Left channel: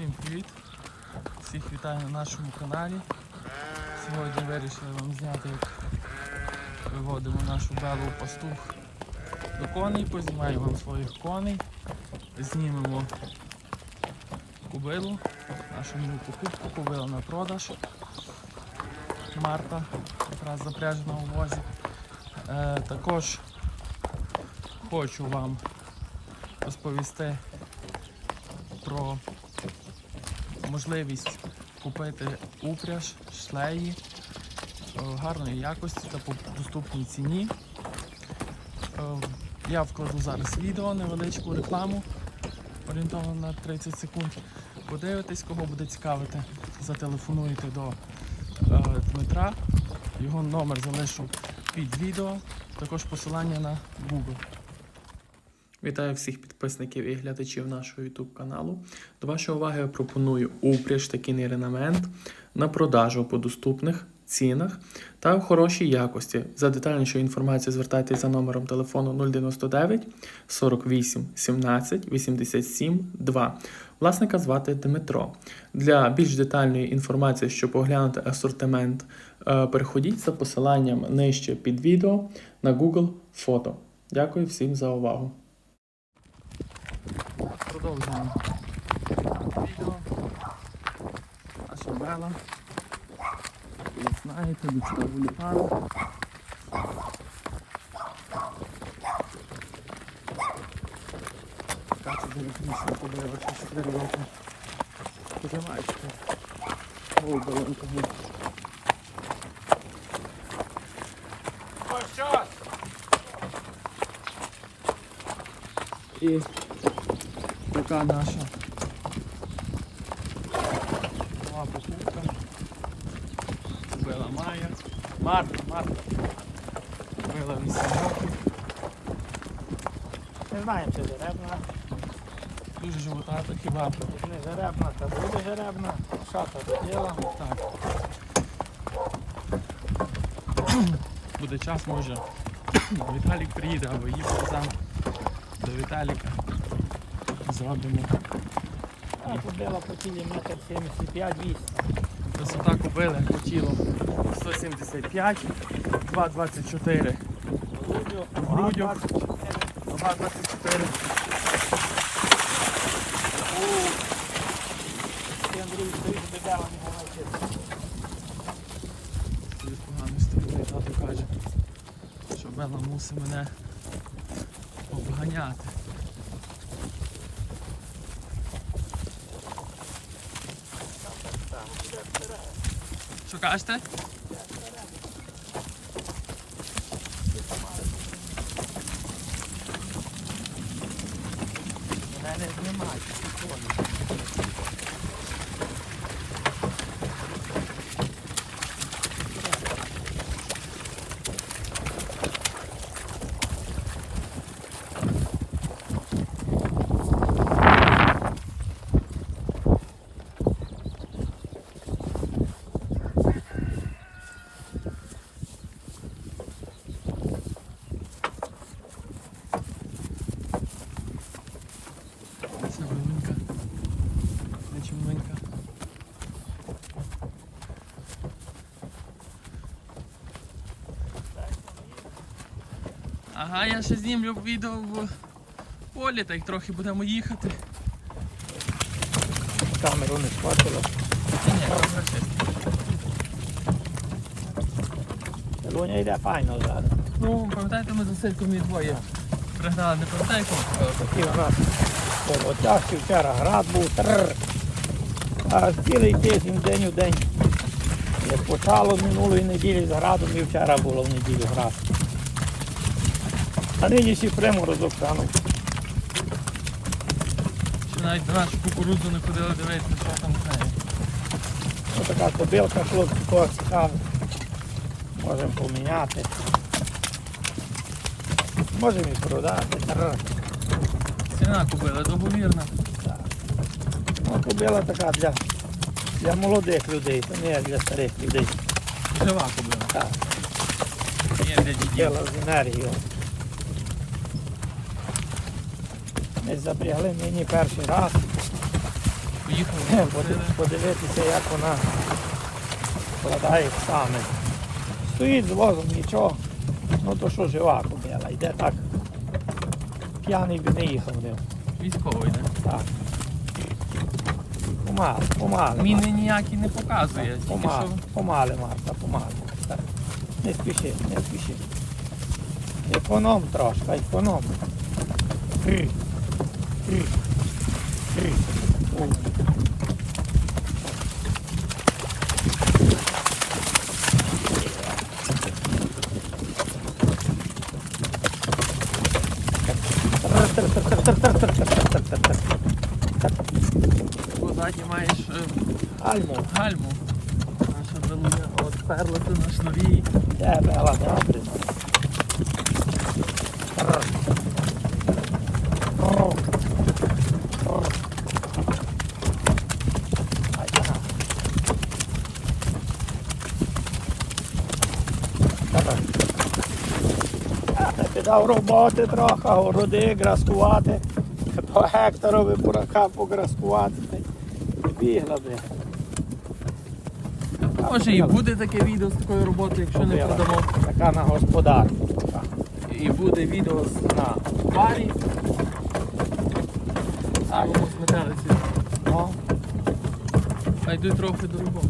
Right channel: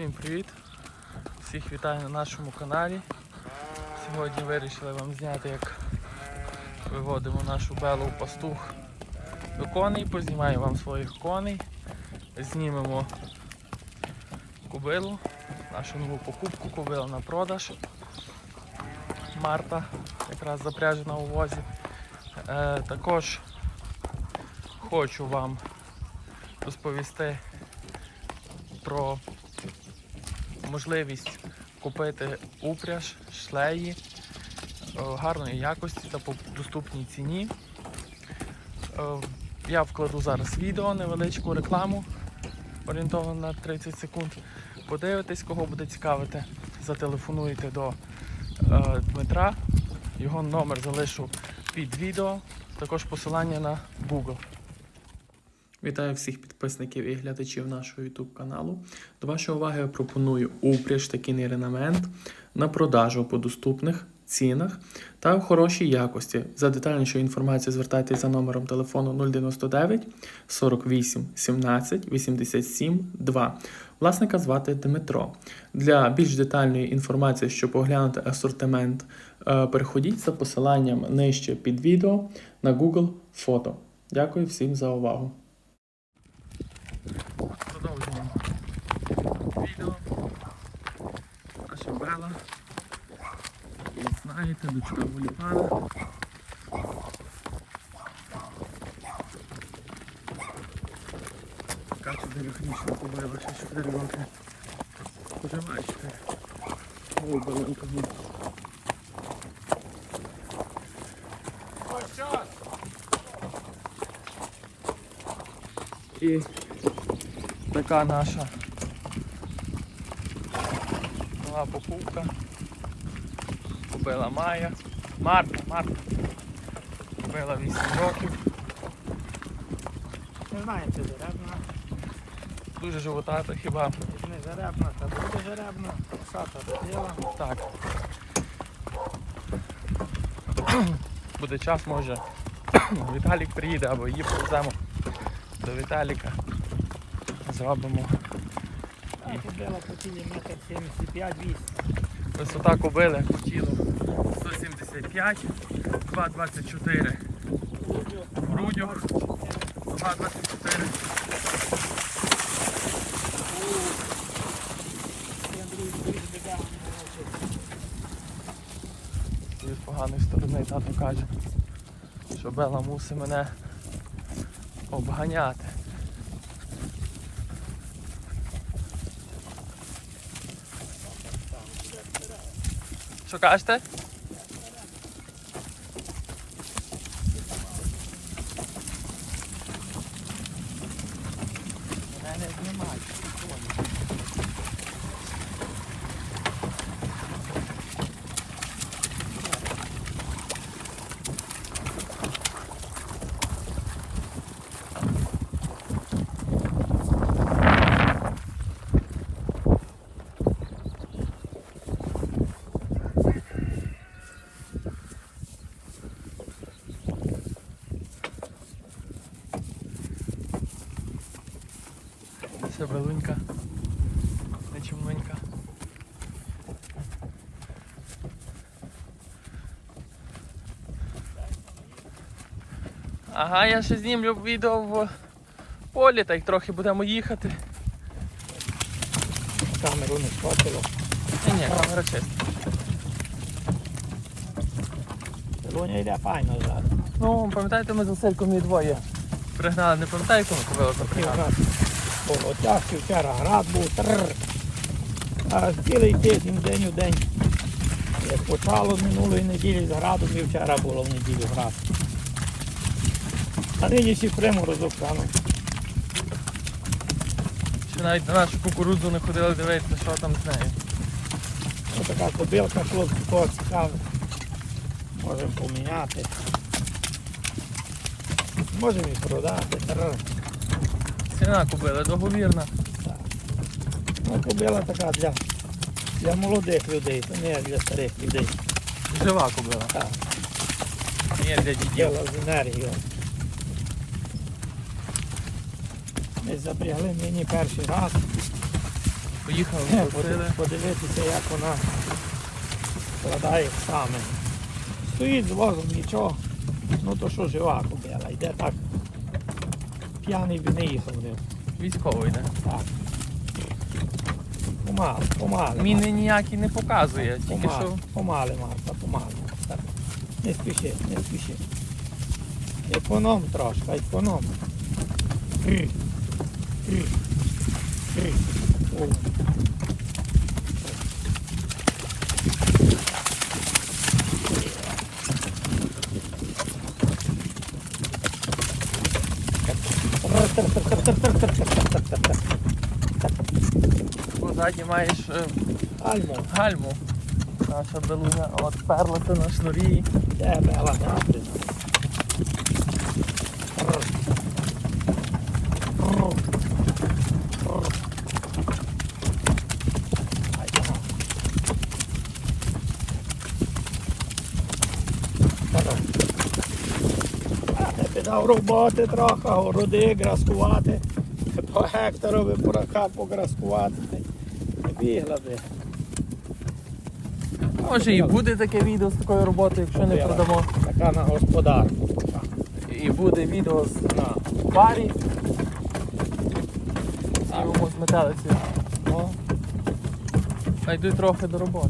Всім привіт! Всіх вітаю на нашому каналі. Сьогодні вирішили вам зняти, як виводимо нашу белу пастух до коней, познімаю вам своїх коней, знімемо кубилу, нашу нову покупку, кубила на продаж. Марта, якраз запряжена у возі. Е, також хочу вам розповісти про можливість купити упряж, шлеї е, гарної якості та по доступній ціні. Е, Я вкладу зараз відео, невеличку рекламу, орієнтовно на 30 секунд. Подивитесь, кого буде цікавити, зателефонуйте до е, Дмитра. Його номер залишу під відео, також посилання на Google. Вітаю всіх підписників і глядачів нашого YouTube каналу. До вашої уваги я пропоную упряж та кінний ренамент на продажу по доступних цінах та в хорошій якості. За детальнішою інформацією звертайтеся за номером телефону 099 48 17 87 2. Власника звати Дмитро. Для більш детальної інформації, щоб оглянути асортимент, е, переходіть за посиланням нижче під відео на Google фото. Дякую всім за увагу. Продовжуємо відео. Наша брела. Ви знаєте, до виліпали. Така це делікатніша побила, ще 4 роки. Пожимаєте. Ой, балонка. І така наша нова покупка. Купила Майя. Марта, Марта. Купила 8 років. Не знаю, чи жеребна, Дуже животата хіба. не жеребна, то буде жеребна, шата доділа. Так. Буде час, може. Віталік приїде або її повеземо до Віталіка. Зробимо. Я купила по тілі метр 75-8. Висота кобили по тілу 175, 2,24 в грудях, нога 24. Я Андрій стоїть біда, не навчиться. З поганої сторони тато каже, що Бела мусить мене обганяти. Що кажете? Мене не знімають. Це велинка. Не чимленька. Ага, я ще знімлю відео в полі, так трохи будемо їхати. Камеру не схватила. Ні, ні, камера чиста. Луня йде файно зараз. Ну, пам'ятаєте, ми з Васильком і двоє пригнали, не пам'ятаю, кому по отягці, вчора град був. Тррр. А цілий тиждень, день у день. Як почало минулої неділі з градом, і вчора було в неділю град. А нині ще приморозок саме. Ще навіть на нашу кукурудзу не ходили дивитися, що там з нею. Ось така кобилка, хлопці, кого цікавить. Можемо поміняти. Можемо і продати. Ціна купили, договірна. Ну, кобила така для, для молодих людей, то не для старих людей. Жива купила. Так. Є для. Діло з енергією. Ми запрягли мені перший раз. Поїхали, Е, Подивитися, як вона складає саме. Стоїть з возом, нічого. Ну то що жива кобила, йде так. П'яний би не їхав. Військовий йде. Так. Помали, помали. Міни ніякі не показує, тільки Помали, що помали, Марта, помали. Так. Не спіши, не спіши. Економ трошки, економ. Маєш е, Альмо, гальму. Наша белуня от перлася на шнурі. де бела добре. Дав роботи трохи, городи граскувати, по гектарові бурака пограскувати. Не. Може і буде таке відео з такою роботою, якщо не продамо. Така на господарку. І буде відео з- на парі. Сімому з метелиці. Йду трохи до роботи.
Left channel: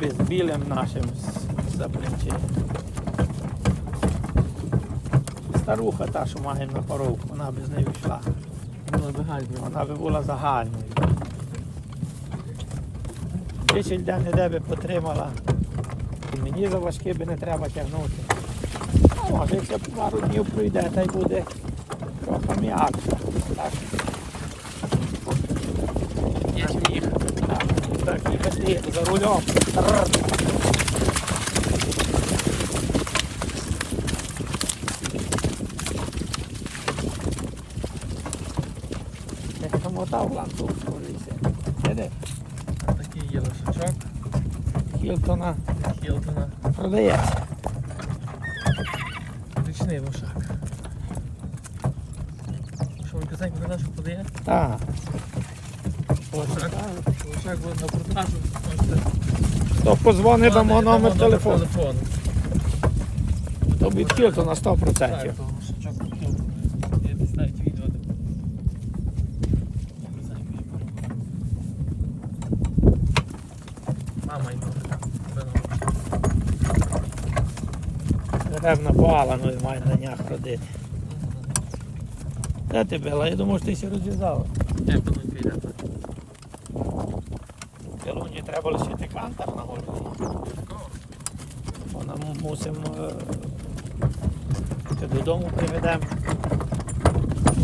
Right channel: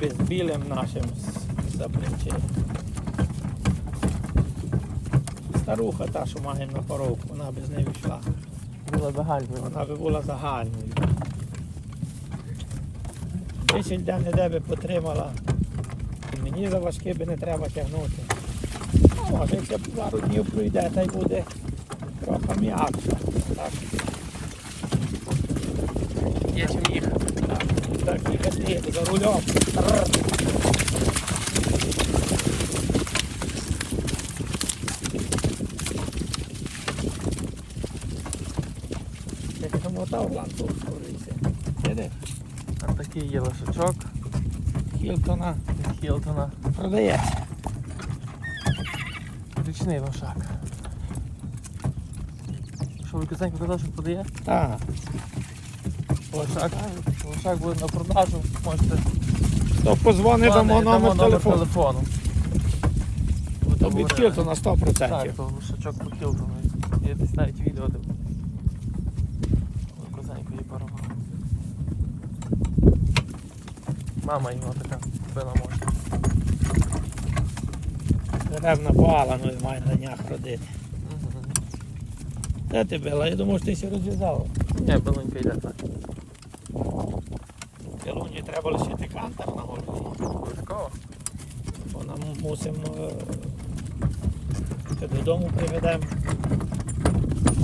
Без білим нашим запричі. Старуха та, що має на коровку, вона без неї йшла. Була загальною. Вона би була загальною. Більше де не де би потримала. І мені за важке би не треба тягнути. А може, якщо пару днів пройде, та й буде трохи м'якше. Так, Є чим їхати. так, так їхати за рулем. Замотав лампу, скоріше. Іде. А такий є лошачок Хілтона Хілтона. продається. Річний лошак. Що ви казав, що подає? Так. Лошак. Лошак буде на продажу. Можете Хто позвонить, дамо номер телефону. телефону. То від Хілтона 100%. Так, то лошачок по Хілтону. Є десь навіть відео, де не знаю, якої породи. Мама його така била може. Деревна бала, ну і має на днях родити. Де ти била? Я думав, що ти ще розв'язав. Ні, белонька йде так. Пілуні треба лишити кантар на голові. Такого? Вона мусимо е, додому приведемо.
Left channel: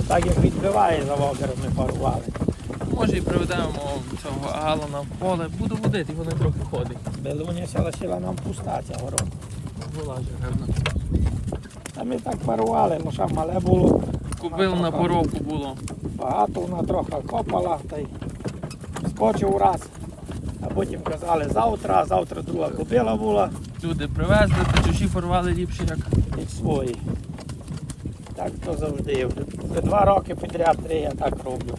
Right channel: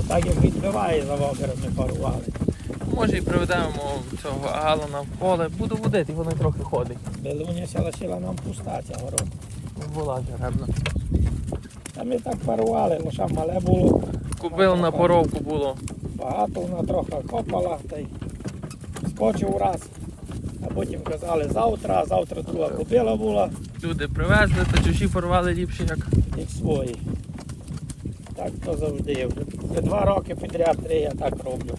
Так як відбиває за вогером, ми парували. Може і приведемо цього Алана в поле. Буду водити, воно трохи ходить. Белуня ся лишила нам пуста ця город. Була деревна. Та ми так парували, лише мале було. Купив на поровку було. Багато вона трохи копала та й скочив раз. А потім казали завтра, а завтра друга кобила була, Люди привезли, то чужі порвали ліпше, як як свої. Так то завжди. Вже два роки підряд три я так роблю.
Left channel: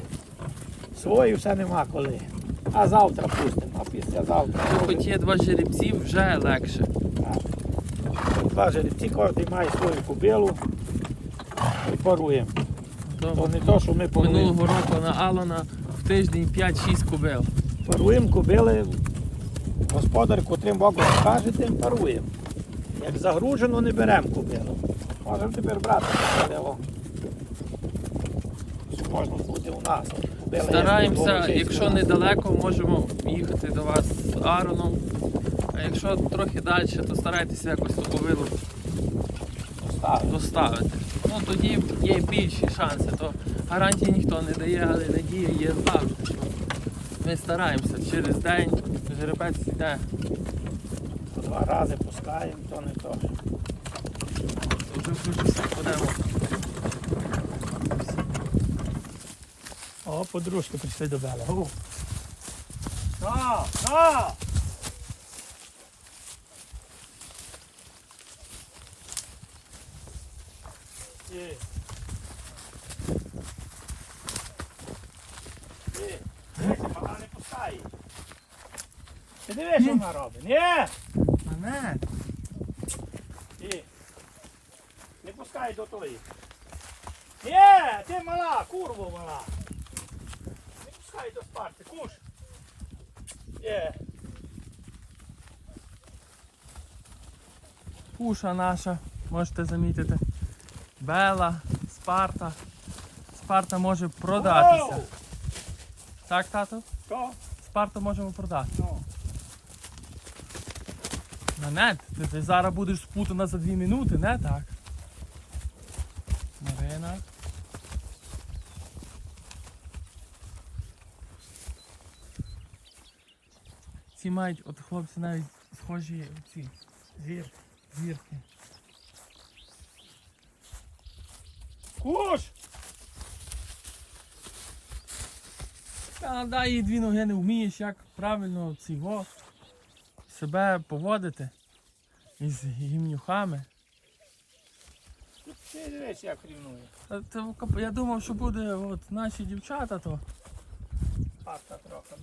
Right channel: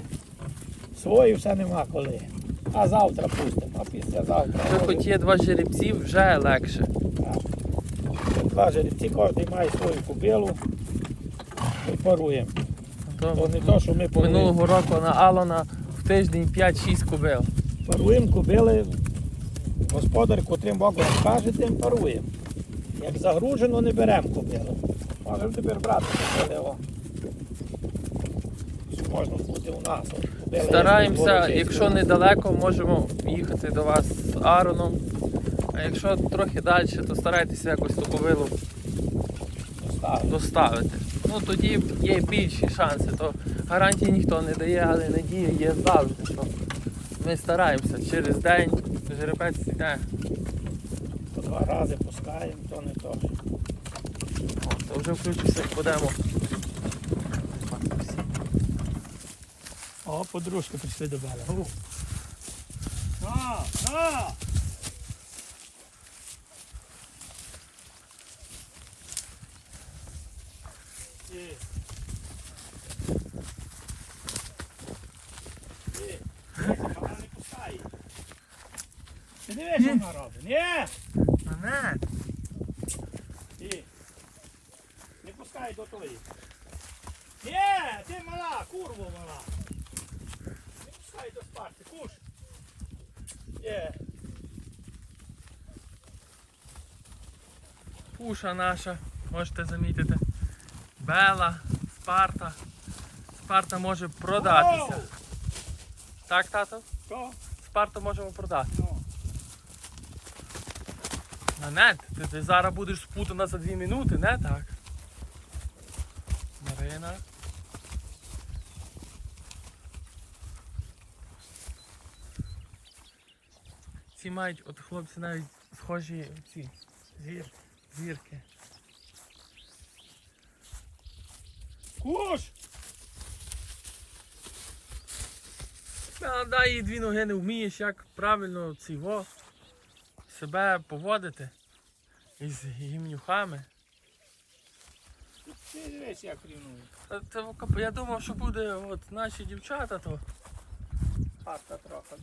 Свої все нема коли. А завтра пустимо, а післязавтра. Якщо хоч є два жеребці, вже легше. Так. Два жеребці, кожен має свою кобилу і паруємо. То не то, що ми повинні. Минулого року на Алана в тиждень 5-6 кубил. Паруємо кобили, господар, котрим боком скаже, тим паруємо. Як загружено, не беремо кобилу. Можемо тепер брати. Що Можна бути у нас. Стараємося, якщо недалеко, можемо їхати до вас з Ароном. А якщо трохи далі, то старайтеся якось ту ковилу доставити. Ну тоді є більші шанси. То гарантії ніхто не дає, але надія є завжди. Що ми стараємося через день жеребець йде. По два рази пускаємо, то не то. То вже включуся, подемо. О, подружки прийшли до мене. На, на! Є. Є. Вона не пускає. Ти дивиш, що вона робить? Ні! Мене. Є. Не пускай до тої. Ні, ти мала, курво мала. Пускай до спарти, куш. Є. Пуша наша, можете замітити. Бела, Спарта. Спарта може продатися. Оу! Так, тато? Що? Спарту можемо продати. Ну. Нанет, ти, ти зараз будеш спутана за дві минути, не так? Марина. Мають, от хлопці навіть схожі ці зір, зірки. Куш! Та дай їй дві ноги не вмієш, як правильно цього себе поводити із гімнюхами. Ти дивись, як рівнує. Та, та, я думав, що буде от наші дівчата, то Спарта трохи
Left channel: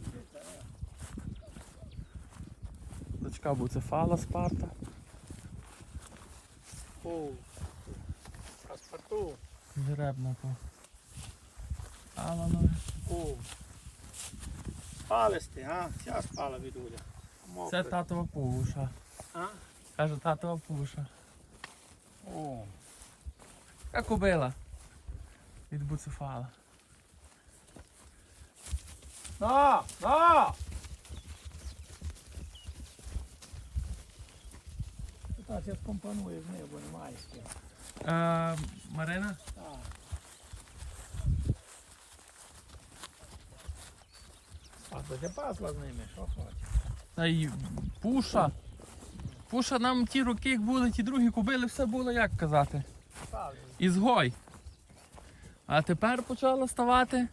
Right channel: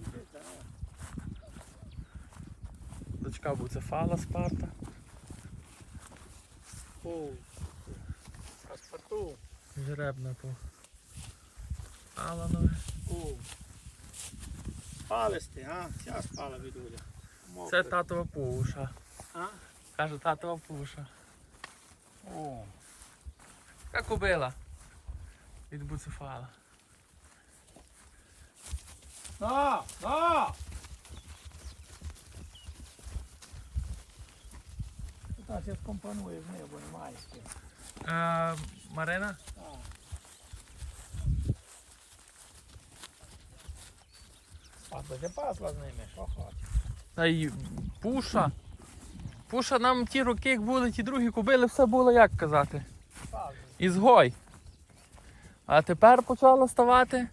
буде. дочка буцефала Спарта. Оу. Паспорту. Жеребна по Аланове. Оу. Спались ти, а? Ця спала від Уля. Це татова пуша. А? Каже татова пуша. О. Яка кобила від буцефала. На, на! Так, я скомпоную з нею, бо немає з ким. Е, Марина, Так. А буде пасла з ними, що хочеш? та й пуша. Пуша нам ті роки, як були, ті другі кобили, все було, як казати, Так, ізгой. А тепер почала ставати.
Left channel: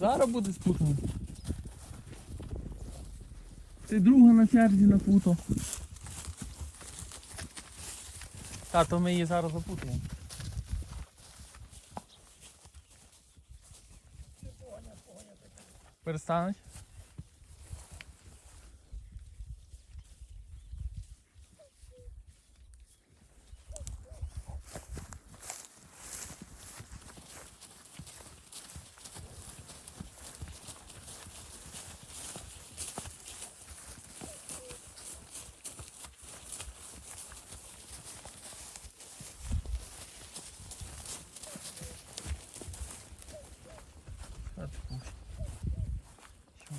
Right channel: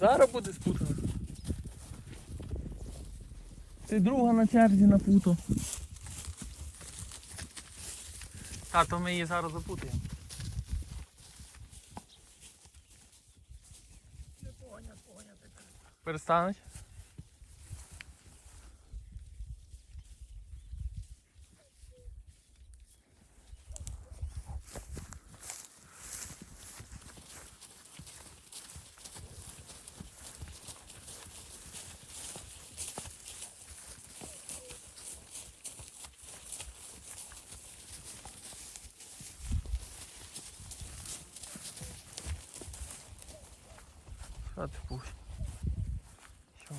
Зараз буде спутано. Ти друга на черзі на путо. Та, то ми її зараз запутаємо. Перестануть? Що ти пуш? Що?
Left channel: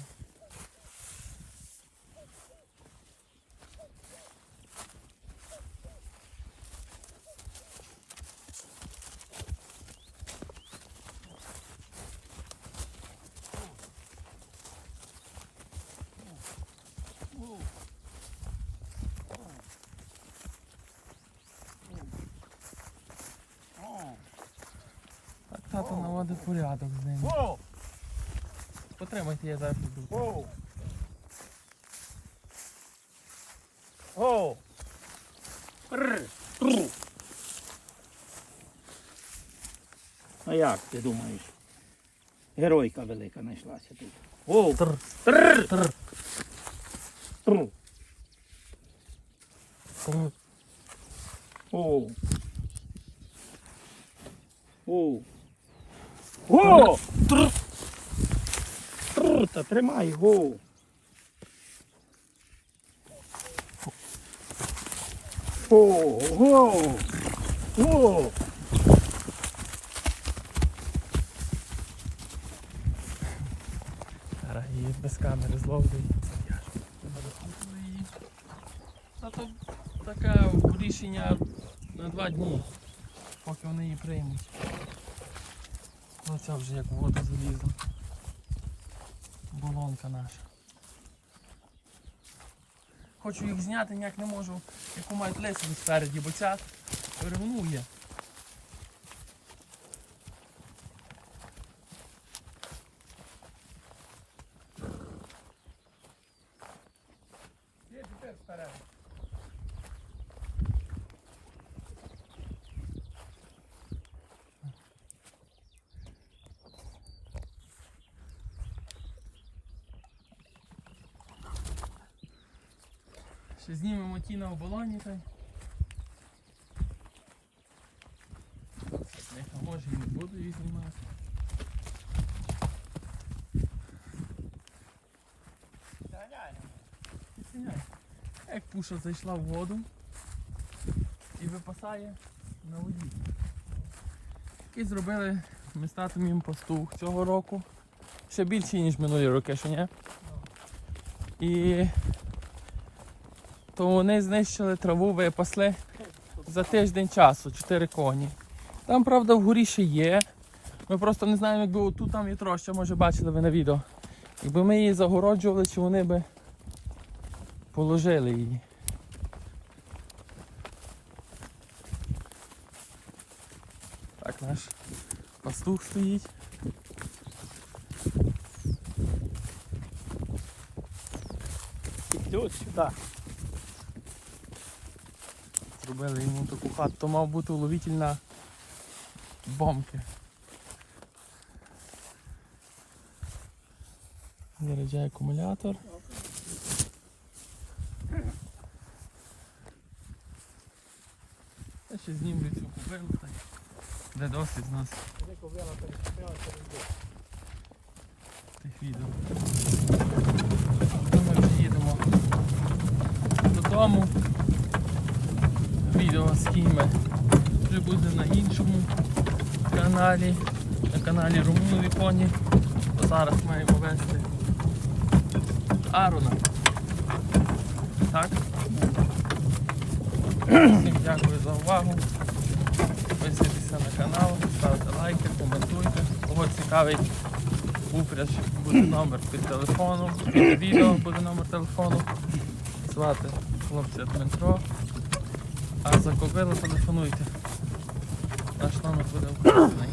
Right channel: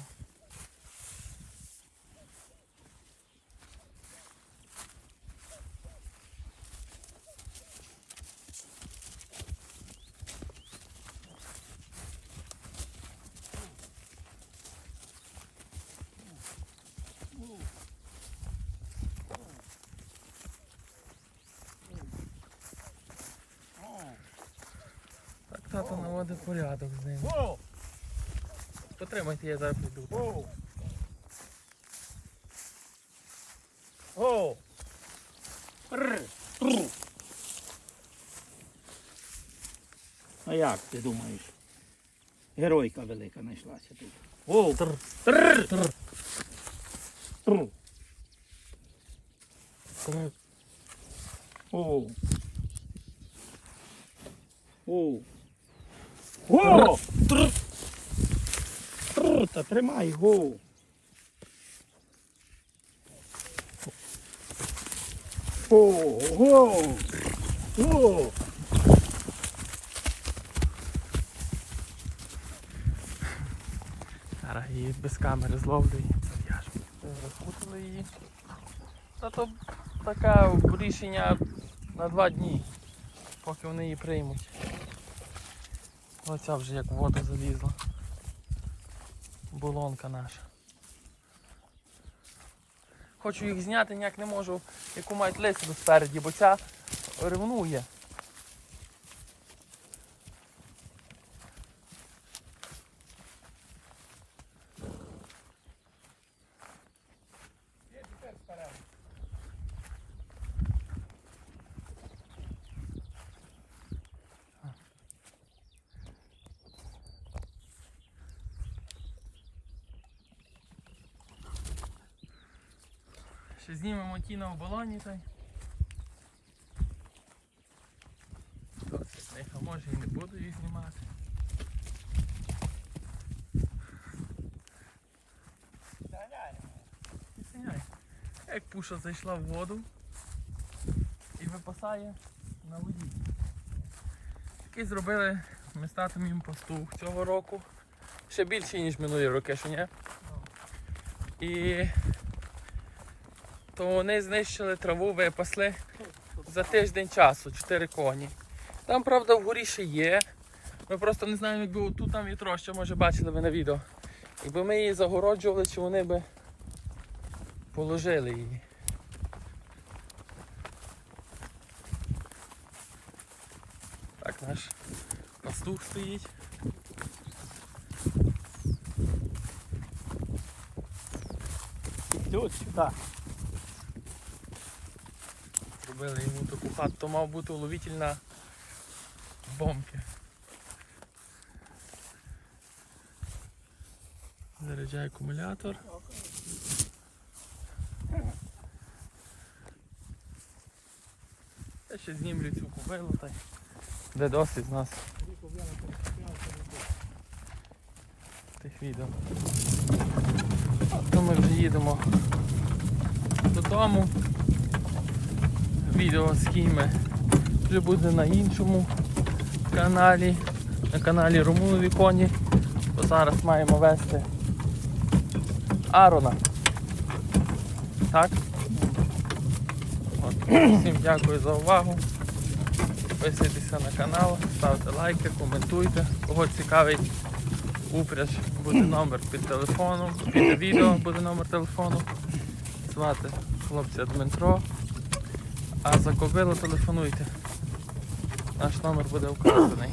Так тато наводить порядок з ними. Потримайте, я зараз піду. О. О. Р. Тру. А як ти думаєш? Геройка велика знайшлася тут. О. Тр. Тр. Тр. Тру. Тр. О. О. О. Тр. Тр. Та тримай го. О. О. О. Зараз її без камери зловлю і зав'яжу. Розпутали її. Та то таке рішення на два дні, поки вони її приймуть. Оця вже як в воду залізла. Булонка наша. Хочу їх зняти, ніяк не можу, яку мають лисину спереді, бо ця ревнує. Знімемо ті на оболоні та й. Може і не буду їх знімати. Як пуша зайшла в воду і випасає на воді. Такий зробили ми з татом їм пастух цього року. Ще більший, ніж минулі роки, що ні? І то вони знищили траву, випасли за тиждень часу, 4 коні. Там, правда, вгорі ще є. Ми просто не знаємо, якби отут там є троща, може бачили ви на відео. Якби ми її загороджували, чи вони би положили її. Так, наш пастух стоїть. Йдуть сюди. Зробили йому таку хату, то мав бути уловитель на бомки. Заряджає акумулятор. Я ще знімлю цю кобилу та де досить з нас тих відео. Ми вже їдемо додому. Відео з кіми вже буде на іншому каналі, на каналі Румунові коні. То зараз маємо вести Арона. Так? Всім дякую за увагу. Підписуйтеся на канал, ставте лайки, коментуйте. Кого цікавить упряж, буде номер під телефоном, під відео буде номер телефону. Звати хлопця Дмитро. А за кобилу телефонуйте. Наш номер буде вказаний.